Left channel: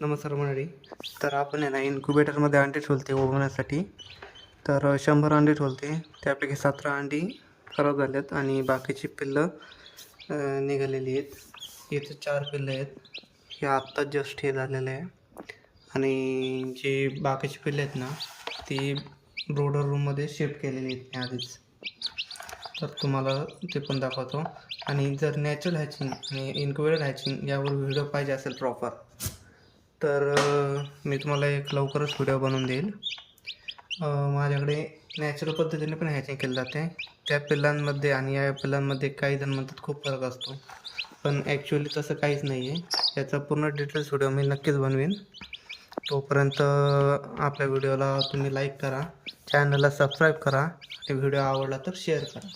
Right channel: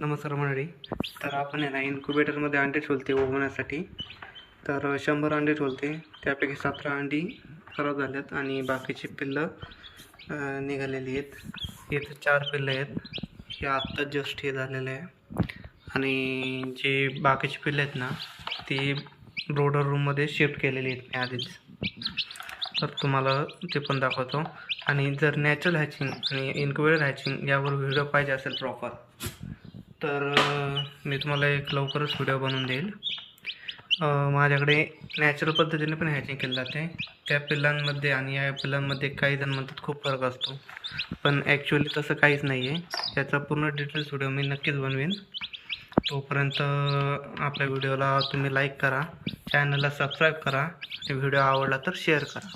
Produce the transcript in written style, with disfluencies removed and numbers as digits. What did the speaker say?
नमस्कार मंडळी. तर आपण आहे ना इन्क्युबेटरमध्ये अंडी ठेवते उबवण्यासाठी. तर 100 अंडी ठेवते. त्यापैकी 17 अंडी खराब झाल्यात आणि बाकीची पिल्लं निघालेली आहेत. इथे 4 पिल्लं आहेत. हे आत्ताच जस्ट हे झालेलं आहे. आणि जे बाकीची पिल्लं आहेत ना ती ब्रोडर रूममध्ये शिफ्ट केलेली आहेत मी आधीच. तर तुम्हाला ते पण दाखवतो. आणि जर नॅचरल हॅचिंग आणि इन्क्युबेटर हॅचिंग यावर व्हिडिओ पाहिजे असेल प्रॉपर, तर मी तुम्हाला एक लवकरच व्हिडिओ बनवून देईल. माझ्याकडे नॅचरल पद्धतीने पण हॅचिंग केलं जाते. त्या पिल्लांमध्ये आणि या पिल्लांमध्ये काही जण म्हणतात खूप फरक असतो, पण ॲक्च्युअली तसं काहीच नाही आहे. याचा पूर्ण डिटेल्स व्हिडिओ मी नक्कीच बनवेन. तोपर्यंत आपल्या व्हिडिओला तुम्ही लाईक करा, चॅनलला सबस्क्राईब करा आणि व्हिडिओ आवडला तर शेअर करा.